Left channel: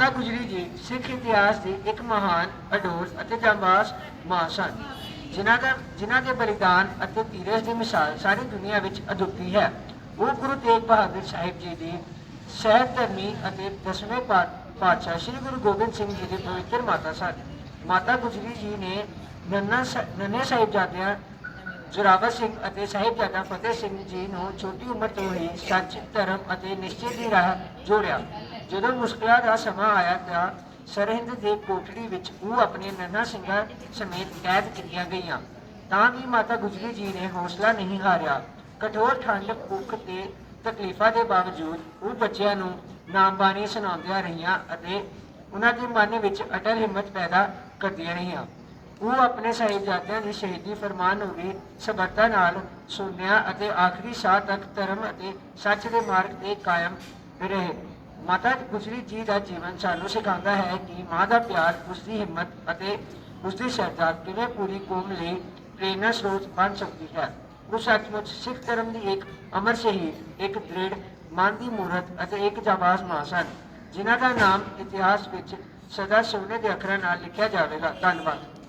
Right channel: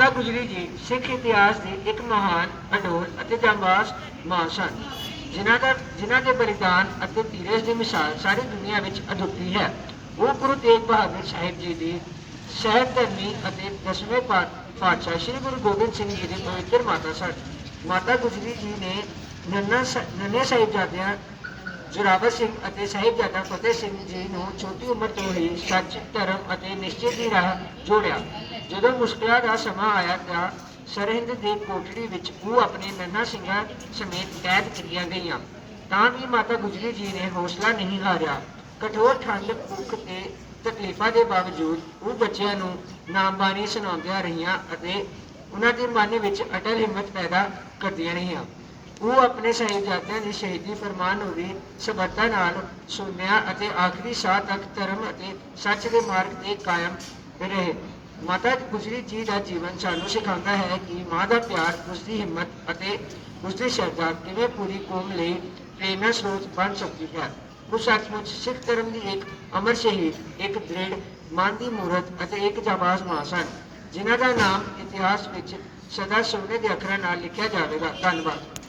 ਮਾਤਾ ਗੁਜਰੀ ਜੀ ਸਿੱਖ ਇਤਿਹਾਸ ਦੀ ਇੱਕ ਮਹਾਨ ਅਡੋਲ ਅਤੇ ਜਾਂਬਾਜ਼ ਮਾਂ ਸਨ, ਜਿਨ੍ਹਾਂ ਦਾ, ਜਿਨ੍ਹਾਂ ਦੇ ਬਲੀਦਾਨ ਅਤੇ ਧੀਰਜ ਦੀ ਮਿਸਾਲ ਸਾਰੀ ਦੁਨੀਆ ਵਿੱਚ ਅਦੁੱਤੀ ਹੈ। ਉਹ ਗੁਰੂ ਤੇਗ ਬਹਾਦਰ ਸਾਹਿਬ ਜੀ ਦੀ ਸਹਿਤ ਧਰਮੀ ਅਤੇ ਦਸਵੇਂ ਪਾਤਸ਼ਾਹ ਸ੍ਰੀ ਗੁਰੂ ਗੋਬਿੰਦ ਸਿੰਘ ਜੀ ਦੀ ਪਵਿੱਤਰ ਮਾਤਾ ਸਨ। ਮਾਤਾ ਗੁਜਰੀ ਜੀ ਨੇ ਨੰਨਾ ਸ- ਨੰਨੇ ਸਾਹਿਬਜ਼ਾਦਿਆਂ ਜ਼ੋਰਾਵਰ ਸਿੰਘ ਅਤੇ ਸਾਹਿਬਜ਼ਾਦਾ ਫਤਿਹ ਸਿੰਘ ਜੀ ਨੂੰ ਛੋਟੀ ਉਮਰ ਤੋਂ ਹੀ ਸੱਚ, ਧਰਮ ਅਤੇ ਨਿਸ਼ਚੇ ਦੀ ਰਾਹ ਜੋੜਿਆ। ਜਦੋਂ ਮੁਸ਼ਕਿਲਾਂ ਦਾ ਸਮਾਂ ਆਇਆ ਤਾਂ ਸਰਹਿੰਦ ਦੇ ਕੋਟੜੀ ਵਿੱਚ ਉਹ ਆਪਣੇ ਨੰਨਾ ਸਿੰਘਾਂ ਸਮੇਤ ਕੈਦ ਕੀਤੀਆਂ ਗਈਆਂ। ਤਾਂ ਵੀ ਮਾਤਾ ਗੁਜਰੀ ਜੀ ਨੇ ਹੌਸਲਾ ਨਹੀਂ ਹਾਰਿਆ। ਕਠੋਰ ਠੰਡ, ਭੁੱਖ ਤੇ ਤਕਲੀਫਾਂ ਦੇ ਬਾਵਜੂਦ ਉਹ ਬੱਚਿਆਂ ਨੂੰ ਨਾਮਬਾਣੀ ਸੁਣਾਉਂਦੀਆਂ ਰਹੀਆਂ ਅਤੇ ਉਹਨਾਂ ਦੇ ਮਨ ਵਿੱਚ ਅਟਲ ਹਿੰਮਤ ਪੈਦਾ ਕਰਦੀਆਂ ਰਹੀਆਂ। ਉਹ ਆਪਣੇ ਸਾਹਿਬਜ਼ਾਦਿਆਂ ਦੀ ਸ਼ਹੀਦੀ ਫਰਮਾਨ ਨੂੰ ਵੀ ਸਬਰਤਾ ਨਾਲ ਸੁਣਿਆ ਅਤੇ ਆਖਰੀ ਸਾਹ ਤੱਕ ਧਰਮ ਅਤੇ ਸੱਚ ਦੇ ਮਾਰਗ ਤੇ ਕਾਇਮ ਰਹੇ। ਮਾਤਾ ਗੁਜਰੀ ਜੀ ਦਾ ਜੀਵਨ ਸਾਨੂੰ ਸਿਖਾਉਂਦਾ ਹੈ ਕਿ ਮਾਂ ਦਾ ਪਿਆਰ ਉਸ ਦੀ ਹਿੰਮਤ ਅਤੇ ਉਸ ਦੀ ਸ਼ਰਧਾ ਕਿਵੇਂ ਪੂਰੀ ਕੌਮ ਲਈ ਪ੍ਰੇਰਨਾ ਸਰੋਤ ਬਣ ਸਕਦੀ ਹੈ। ਉਹ ਸੱਚਮੁੱਚ ਸਿੱਖ ਧਰਮ ਦੀ ਇੱਕ ਅਮਰ ਸ਼ਹੀਦ, ਇੱਕ ਦ੍ਰਿੜ, ਮਨ ਦੀ ਮੂਰਤ ਅਤੇ ਇੱਕ ਜਾਬਾਜ਼ ਮਾਂ ਸਨ, ਜਿਨ੍ਹਾਂ ਦਾ ਨਾਮ ਇਤਿਹਾਸ ਵਿੱਚ ਸਦਾ ਸੋਨੇ ਦੇ ਅੱਖਰਾਂ ਨਾਲ ਲਿਖਿਆ ਜਾਵੇਗਾ। ਧੰਨਵਾਦ।